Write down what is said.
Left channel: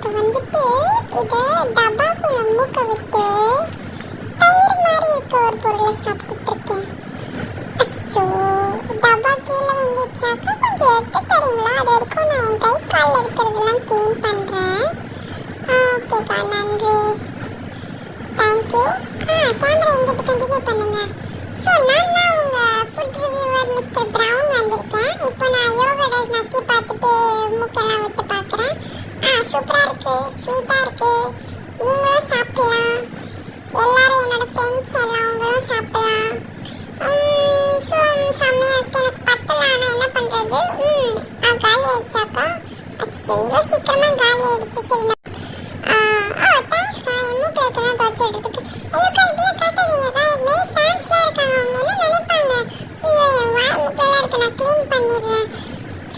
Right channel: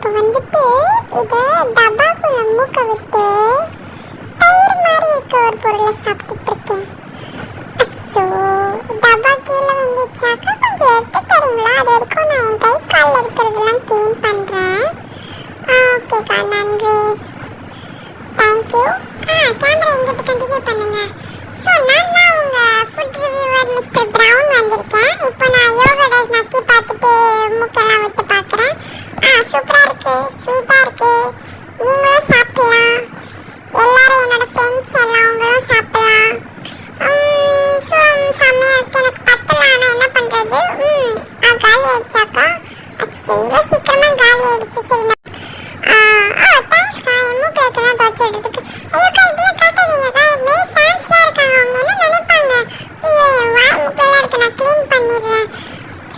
இப்போ வந்துட்டு இதை டப்பாக்குள்ள மூக்க விட்டு தயிர் மாதிரி இருக்க ஒரு பொருளை சாப்பிட்டுட்டு இருக்கேன். அச்சோ, டப்பா கீழே வந்துச்சாக்கா கொஞ்சம் எடுத்து தரீங்களா? அது வரைக்கும் நான் என் கை காலில் இருக்கிறதெல்லாம் க்ளீன் பண்ணுறேன். ஓகேக்கா, நன்றி, தேங்க்யூ. கேமரா எங்கிட்ட கண்டினியூ பண்ணுங்க. ஸோ நான் தான் உங்கள் ஃபுட் ரிவ்யூவர் மிஸ்டர் ப்ரவுன் வந்திருக்கேன். இப்போ நான் யோகாட நக்கி பார்த்துட்டு மூக்கெல்லாம் விட்டு பார்க்குறேன். சூப்பராக இருக்குது, ஸ்வீட்டாக இருக்குது. நீங்களும் சாப்பிடலாம், எல்லாரும் என்னோட ஃப்ரெண்ட்ஸ் எல்லாம் அவங்களும் சாப்பிடலாம். ஸோ செம்மையாக இருக்குது. எனக்கு பத்தலாம், ஆனால் என்ன பண்ணுறது? காலி ஆயிடுச்சாக்கா? அச்சோ, இவ்வளோ சீக்கிரமாக காலி ஆயிடுச்சு. சரி, தேங்க்ஸ்க்கா. என் மூக்கில் இருக்கலாம் துவச்சி எடுத்துக்கு. ஐயோக்கா, இப்படியே காட்டாதீங்கக்கா, இப்படியே ஃபேன்ஸ்லாம் இருக்காங்க, அவங்க என்ன நினைப்பாங்க? ஐயோ, என் மூக்கெல்லாம் இருக்கு, நான் க்ளீன் பண்ணிடுறேன்.